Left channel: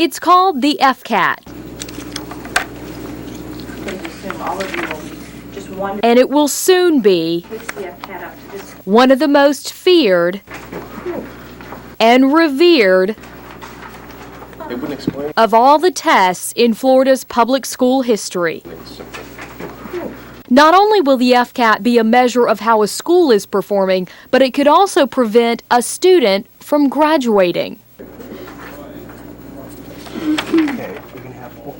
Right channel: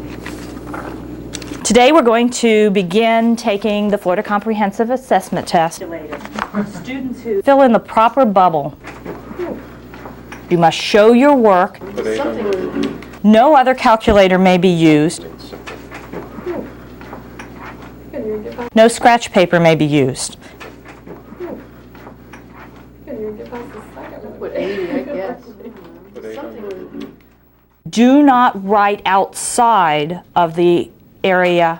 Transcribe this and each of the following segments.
It's called the FCAT. Today we're going to begin taking the Florida Comprehensive Assessment Test. And it will soon be Fill in the proper bubble. one of the most feared You must show your work. and revered No other calculator may be used. of all the tests in Florida's public school history. No scratch paper may be used. Not only will the FCAT be a measure of how a school is performing, but it could also prevent a student from graduating. Do not write outside of the area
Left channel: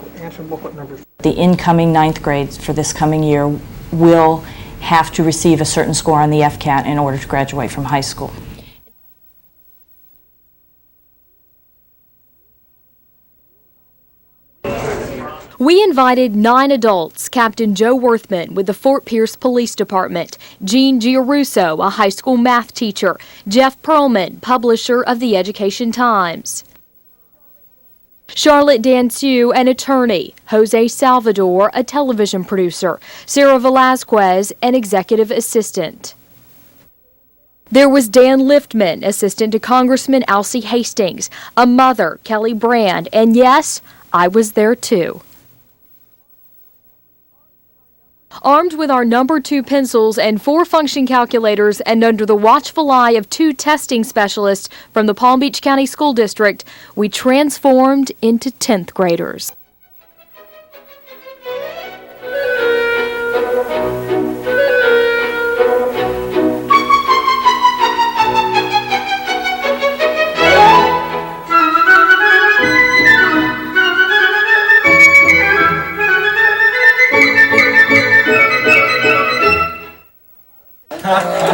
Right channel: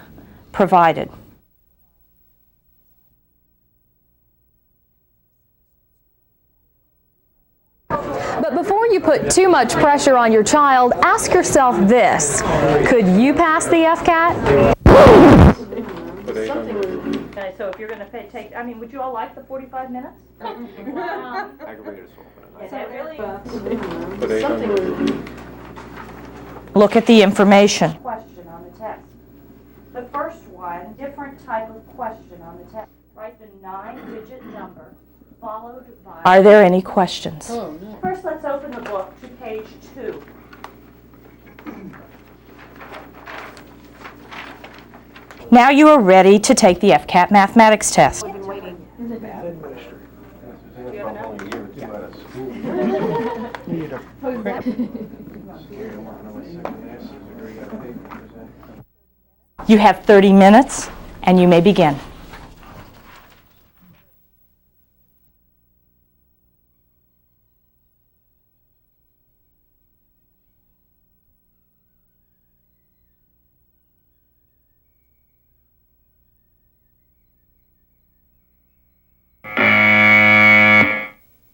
provided. The incoming ninth grades for this coming year will have to receive a certain score on the FCAT in order to graduate from high school. But before you put too much pressure on your child, ask yourself this: could you pass the FCAT? We invited 9 adults, Captain Joe Worthman with the Fort Pierce Police Department, Gene Giarusso, a high school math teacher, Jeff Perlman, publisher of the Education Times, Look at the information. Charlotte Dansu, an attorney, Jose Salvador, a television producer, Sarah Velazquez, an executive assistant. Are there any questions? There was Dan Liftman, assistant to Congressman Alcee Hastings, a mother, Kelly Brand, and yes, I was there too. Now you are ready to take the FCAT mathematics test. Armed with our number 2 pencils and 4 function calculators and under the watchful eye of 2 testing specialists from the Palm Beach County School District, we transformed into 10th graders. You have 30 minutes and you may begin.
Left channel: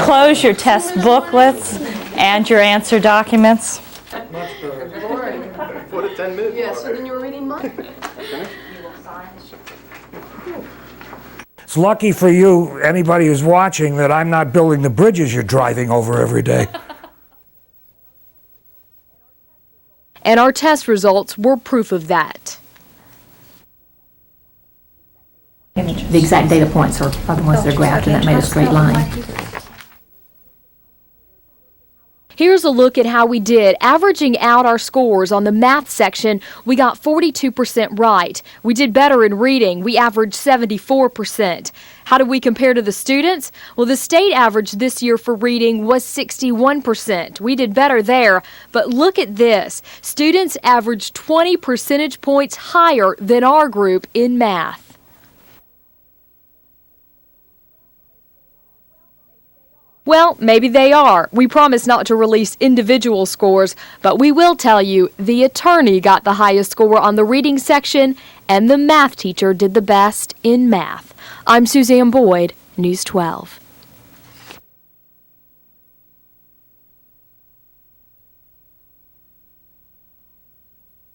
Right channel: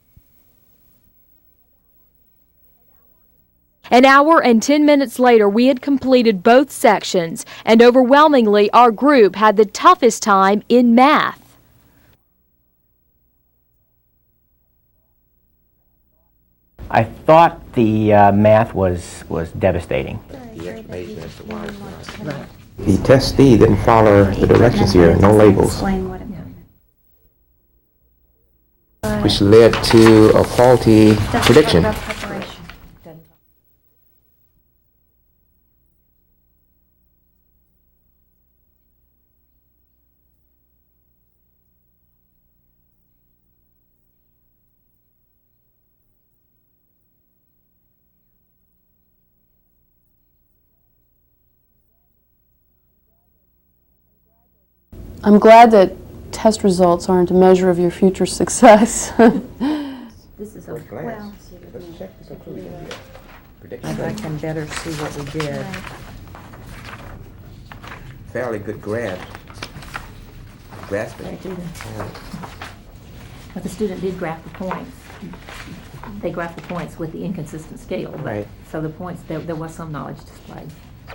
Close your test booklets and your answer documents. An hour and 10 minutes later, we had completed both sections, and overwhelmingly, our group had the toughest time in math. It's lucky for you, anybody who's watching, that I'm not building the bridges you're driving over every day. I thought the math was devastating. And our test results were proof of that. The testee didn't follow the directions here, no labels, The exact data points are the ones that are graphed, and that made a straight line. which led to a faulty prediction. Here's a look at how we did. Averaging out our scores on the math section, we got 42% right. We did better in reading. We averaged 74%. How did we compare to the students? Well, the state average this year for reading was 61%. We did better there. But look at this. Students averaged 20 percentage points higher than our group in math. I'm glad that test results aren't a measure of your future success. Well, maybe they are. We promise not to release individual scores, but we will tell you the attorney got the highest score on the reading section, and the math teacher did the best in math. I'm Suzanne Boyd, News 12. But the student did graph the points. They graphed the points with the inconsistent scale. But, Right. So the points, there was some knowledge displayed.